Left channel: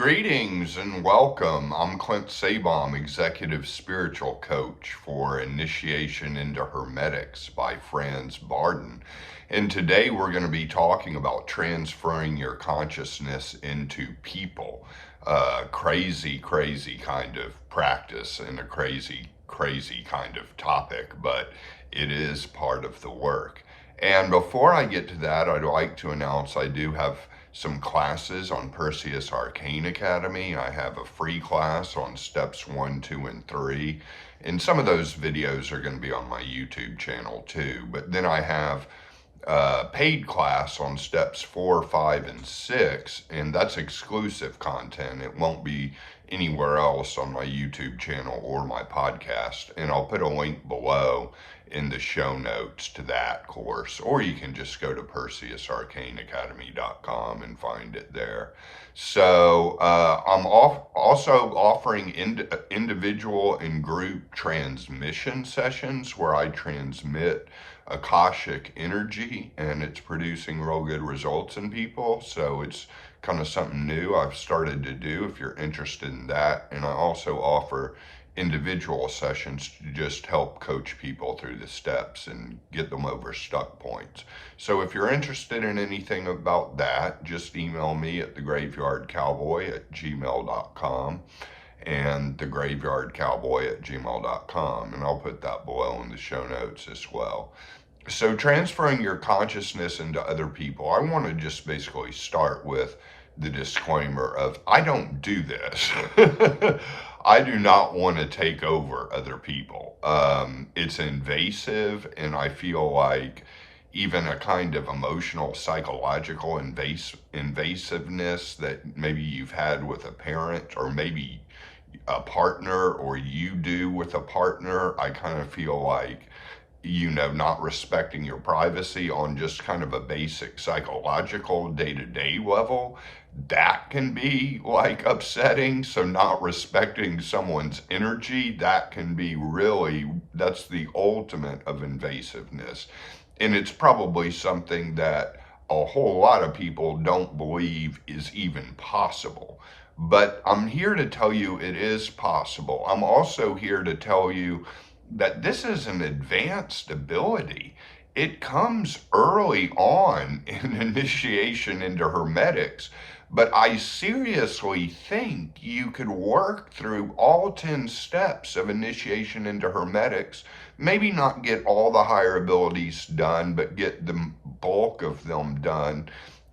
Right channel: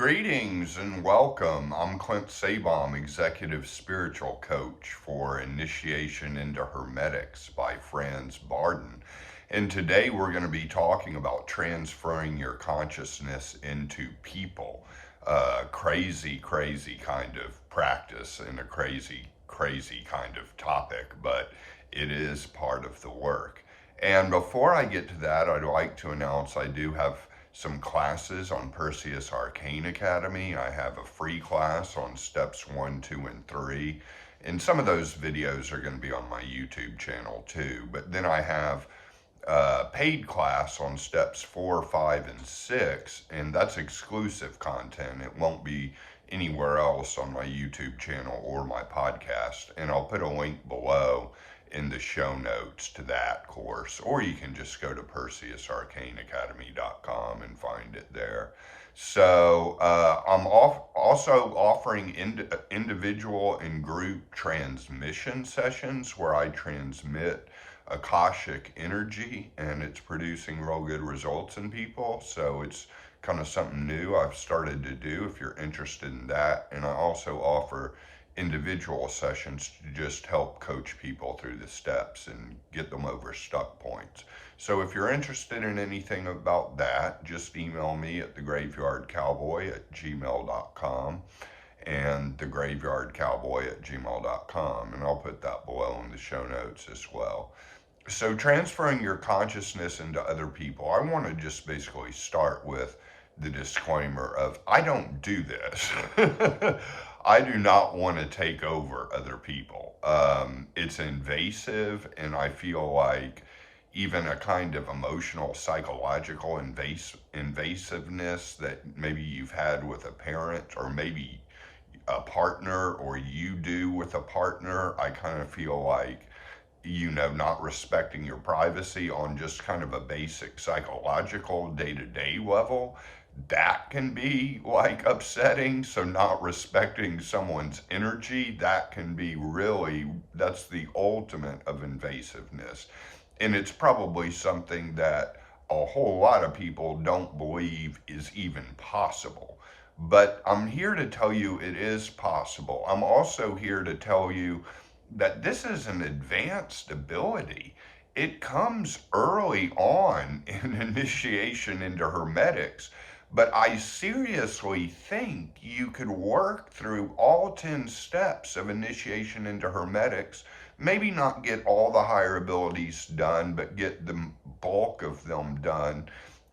Greetings and welcome. I'm Clint I, Executive Spiritual Coach for Initiation into Hermetics by Franz Bardon. And today we're going to be talking about transferring your consciousness into people. Crazy kind of practice and a crazy kind of topic, but it is part of the work. And before I get to that, I'd like to announce I do have some classes on Perseus Arcane Academy. I have a free class on steps 1, 2, and 3. And some of those videos are going to be on my YouTube channel too. But then I have a paid class on steps 4, 5, and 6. And that's exclusive content. It won't be anywhere else on my YouTube channel or my podcast. And I'll put a link below in the show notes to that course, or you can just go to perseusarcaneacademy.com and find it there. So I'm also offering individual and group transmission sessions where I transmit Akashic energy, and it's producing real good results in people. So it's kind of something new I've started to do if you're interested in that. And I also offer individual sessions to just help coach people through the steps and get them over stuck points. So if you're interested in anything about that, just email me at thegraveyardcowboy@gmail.com and thegraveyardcowboy@gmail.com, and I'll put that below in the show notes as well. So transferring your consciousness into other people, I want to just basically start with the disclaimer of I don't do this. I do not want to take over other people. It's invasive, and I feel like even a kind of emotional, psychological invasiveness that maybe you've had with a parent or maybe a partner, or you do with a partner, I kind of feel like, not respecting your privacy on just kind of a basic psychological day-to-day level, that can be like upsetting. So not respecting someone's energy, that can be really, that's the ultimate of invasiveness. And it's probably something that a whole lot of people don't believe is even possible. But I'm here to tell you it is possible. I'm also here to tell you that this is an advanced ability. It comes early on in initiation into Hermetics, but I seriously think you could work through all 10 steps of initiation into Hermetics, maybe not get all the higher abilities done, but get the bulk of them done.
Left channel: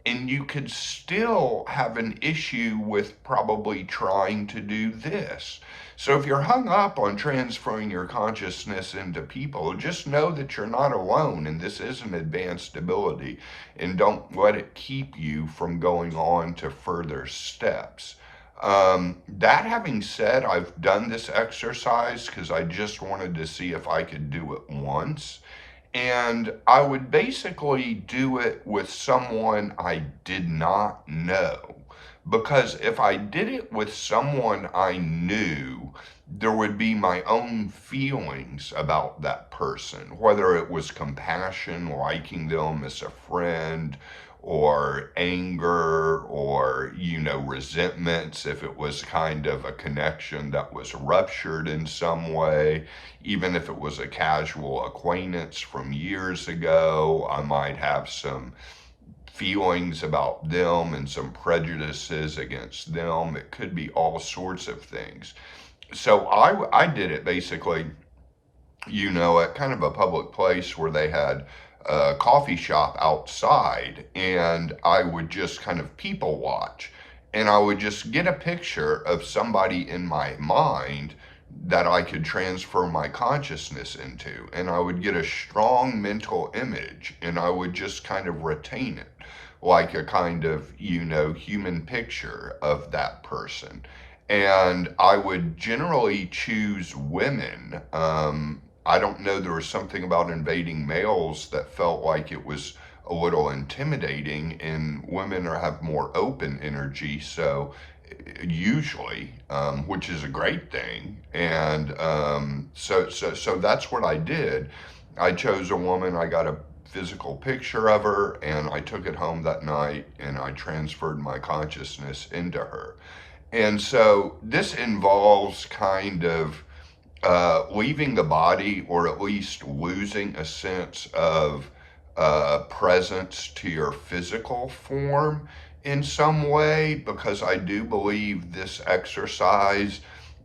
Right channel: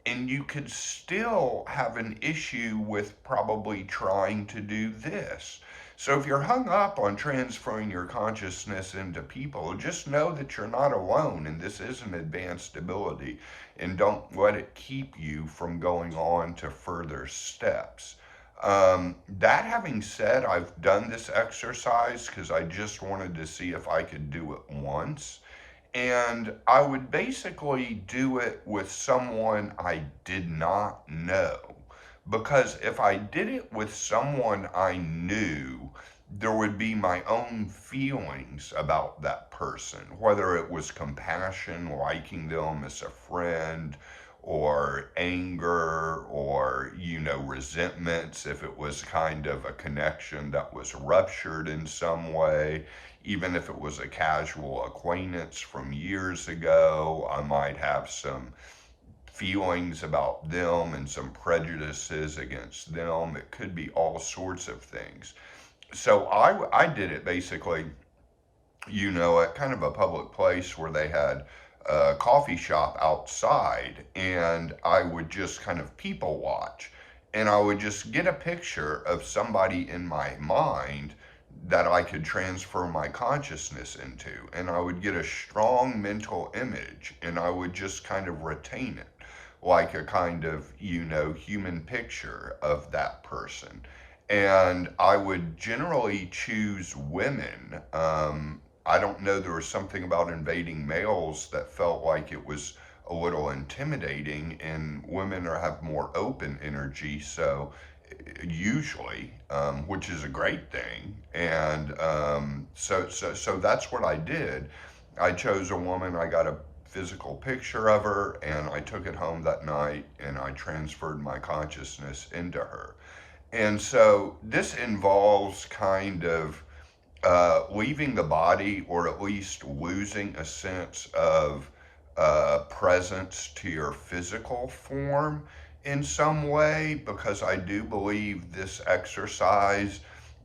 And you could still have an issue with probably trying to do this. So if you're hung up on transferring your consciousness into people, just know that you're not alone, and this is an advanced ability, and don't let it keep you from going on to further steps. That having said, I've done this exercise because I just wanted to see if I could do it once. And I would basically do it with someone I did not know. Because if I did it with someone I knew, there would be my own feelings about that person, whether it was compassion, liking them as a friend, or anger, or, resentments, if it was kind of a connection that was ruptured in some way. Even if it was a casual acquaintance from years ago, I might have some feelings about them and some prejudices against them. It could be all sorts of things. So I did it basically, at kind of a public place where they had a coffee shop outside, and I would just kind of people watch, and I would just get a picture of somebody in my mind that I could transfer my consciousness into, and I would get a strong mental image, and I would just kind of retain it like a kind of, human picture of that person. And I would generally choose women. I don't know, there was something about invading males that felt like it was a little intimidating, and women have more open energy, so usually, which is a great thing. And so that's what I did. I chose a woman, I got a physical picture of her, and I took it home that night, and I transferred my consciousness into her. And so this involves kind of leaving the body, or at least losing a sense of presence to your physical form in some way, because I do believe this exercise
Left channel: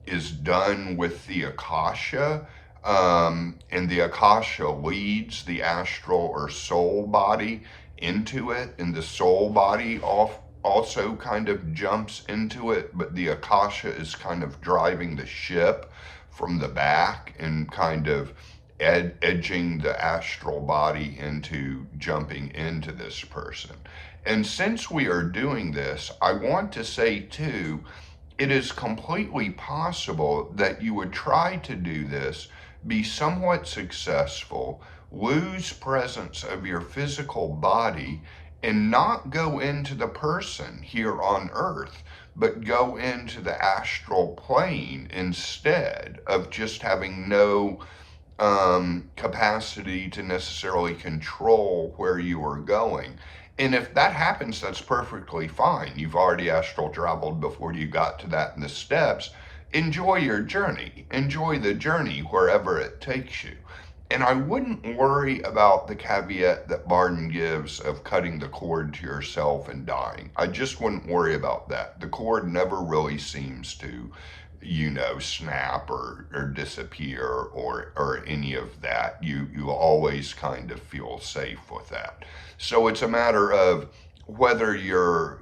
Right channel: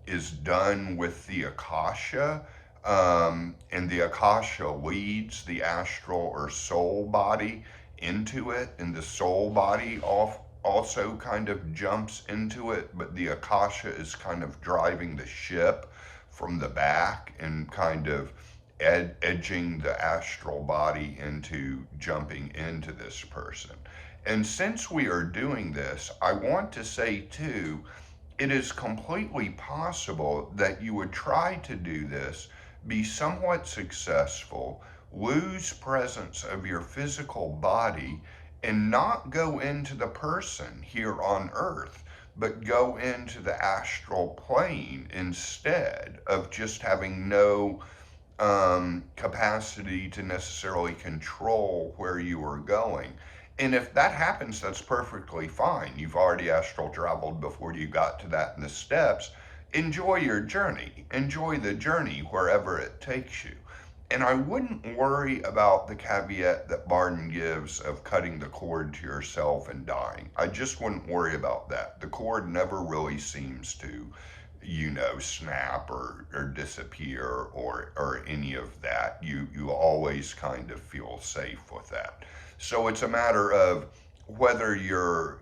is done with the Akasha. And the Akasha leads the astral or soul body into it, and the soul body also kind of jumps into it, but the Akasha is kind of driving the ship from the back and kind of edging the astral body into jumping into this person. And since we are doing this, I want to say too, it is completely possible that you would try to do this, be somewhat successful, lose presence of your physical body, and not go into the person here on earth, but go into the astral plane instead of just having no capacity to necessarily control where you are going. And if that happens, that's perfectly fine. You've already astral traveled before you got to that in the steps. Enjoy your journey. Enjoy the journey wherever it takes you. And I wouldn't worry about the caveat that Bardon gives of cutting the cord to yourself and dying. I just wouldn't worry about that. The cord never really seems to, snap or disappear or any of that. You always kind of feel safe with that. So it's a matter of whether you're,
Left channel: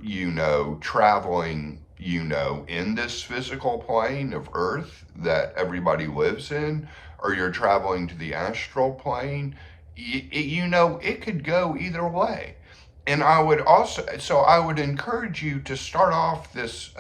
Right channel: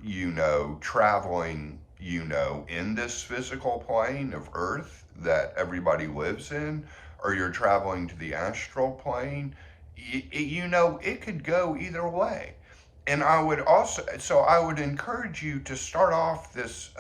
traveling, in this physical plane of Earth that everybody lives in, or you're traveling to the astral plane. It could go either way. And I would encourage you to start off this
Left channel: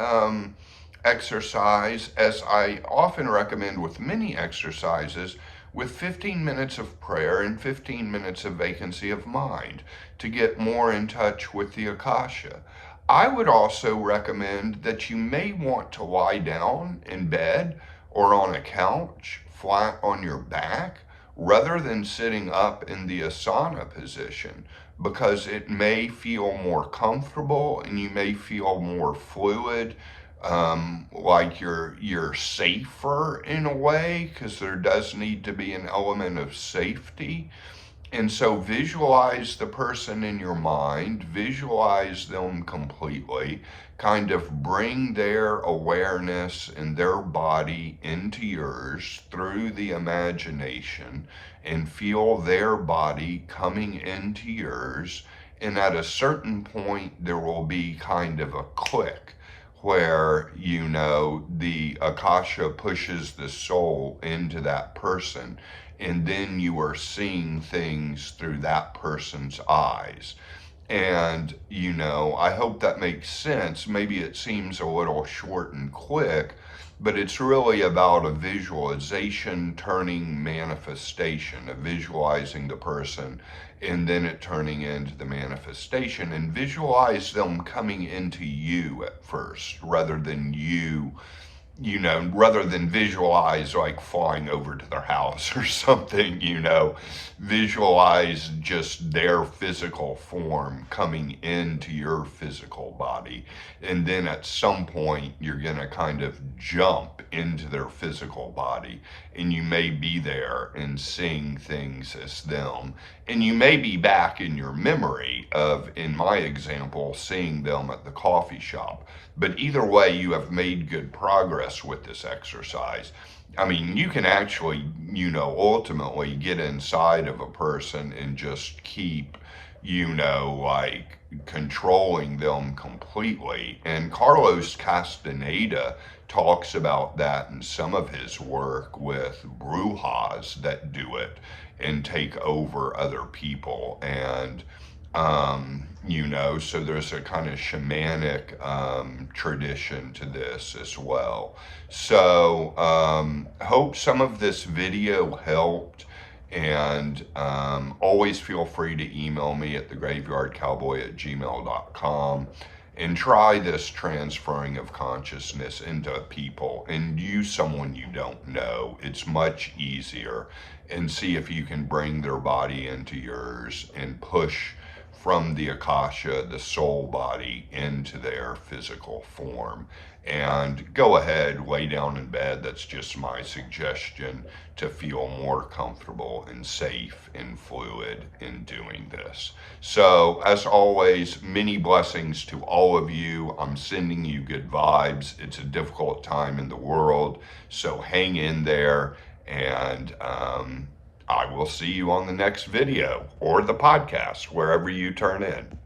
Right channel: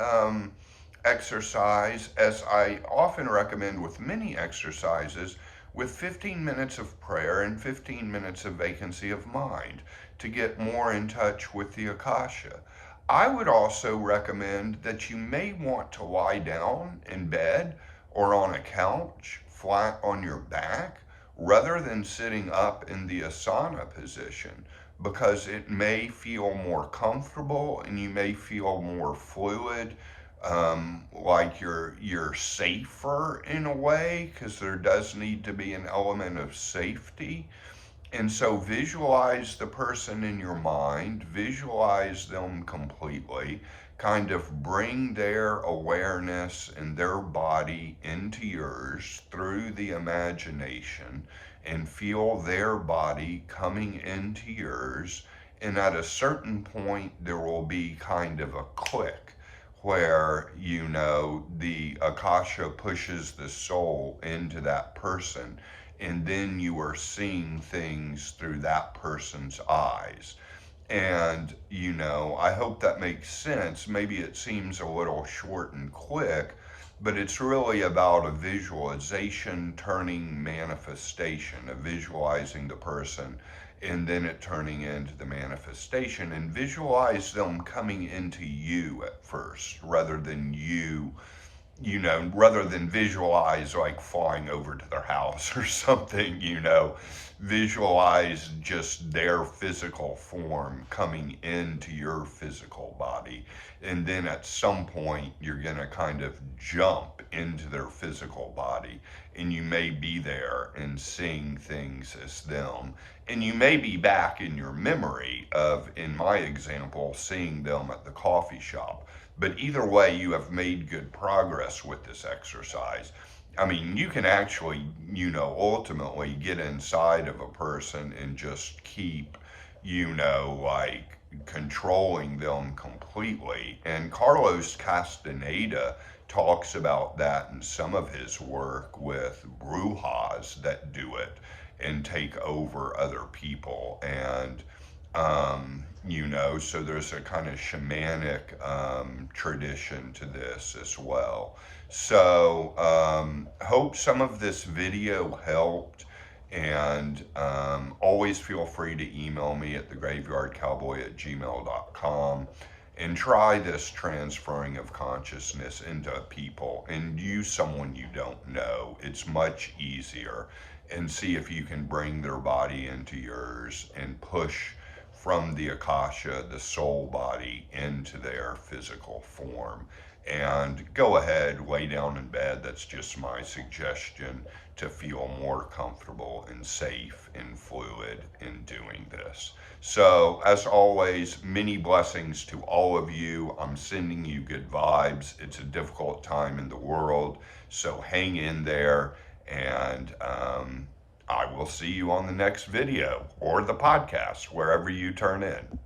exercise, as I often recommend with many exercises, with 15 minutes of prayer and 15 minutes of vacancy of mind to get more in touch with the Akasha. I would also recommend that you may want to lie down in bed or on a couch flat on your back rather than sitting up in the asana position, because it may feel more comfortable and you may feel more fluid, like you're safer in a way, because there does need to be an element of safety. And so visualize the person in your mind, visualize them completely, kind of bring their awareness and their body into yours through the imagination, and feel their body coming into yours. And at a certain point, there will be kind of a click where, the Akasha pushes the soul into that person, and then you are seeing things through that person's eyes. And, I hope that makes sense. Maybe it seems a little short and quick, but it's really about a visualization turning manifestation, of visualizing the person and then it turning into the manifestation. And visualize them coming into you at first, rather than rather than visualize like flying over to their house or something, visualize just their physical form coming into your physical body. And then at some point, you're going to kind of jump into their physical body, and you may be there and seeing things as them. And you may be back in your memory of, in my example, seeing them at the coffee shop. But either way, you have made good progress with this exercise. I mean, you can actually, ultimately get inside of a person and just keep, like controlling them completely. And Carlos Castaneda talks about that in some of his work with brujas that do it and take over other people. And so there's a kind of shamanic tradition to this as well. So hope some of this video helped, and always feel free to email me at thegraveyardcowboy@gmail.com, and try this transferring of consciousness into people, and use someone you don't know. It's much easier. And see if you can bring their body into yours and push from the Akasha, the soul body, into their physical form. and go ahead, lay down in bed. That's just my suggestion to feel more comfortable and safe and fluid in doing this. So, as always, many blessings to all of you. I'm sending you good vibes. It's a difficult time in the world, so hang in there, and I will see you on the next video or the podcast, wherever you turn in.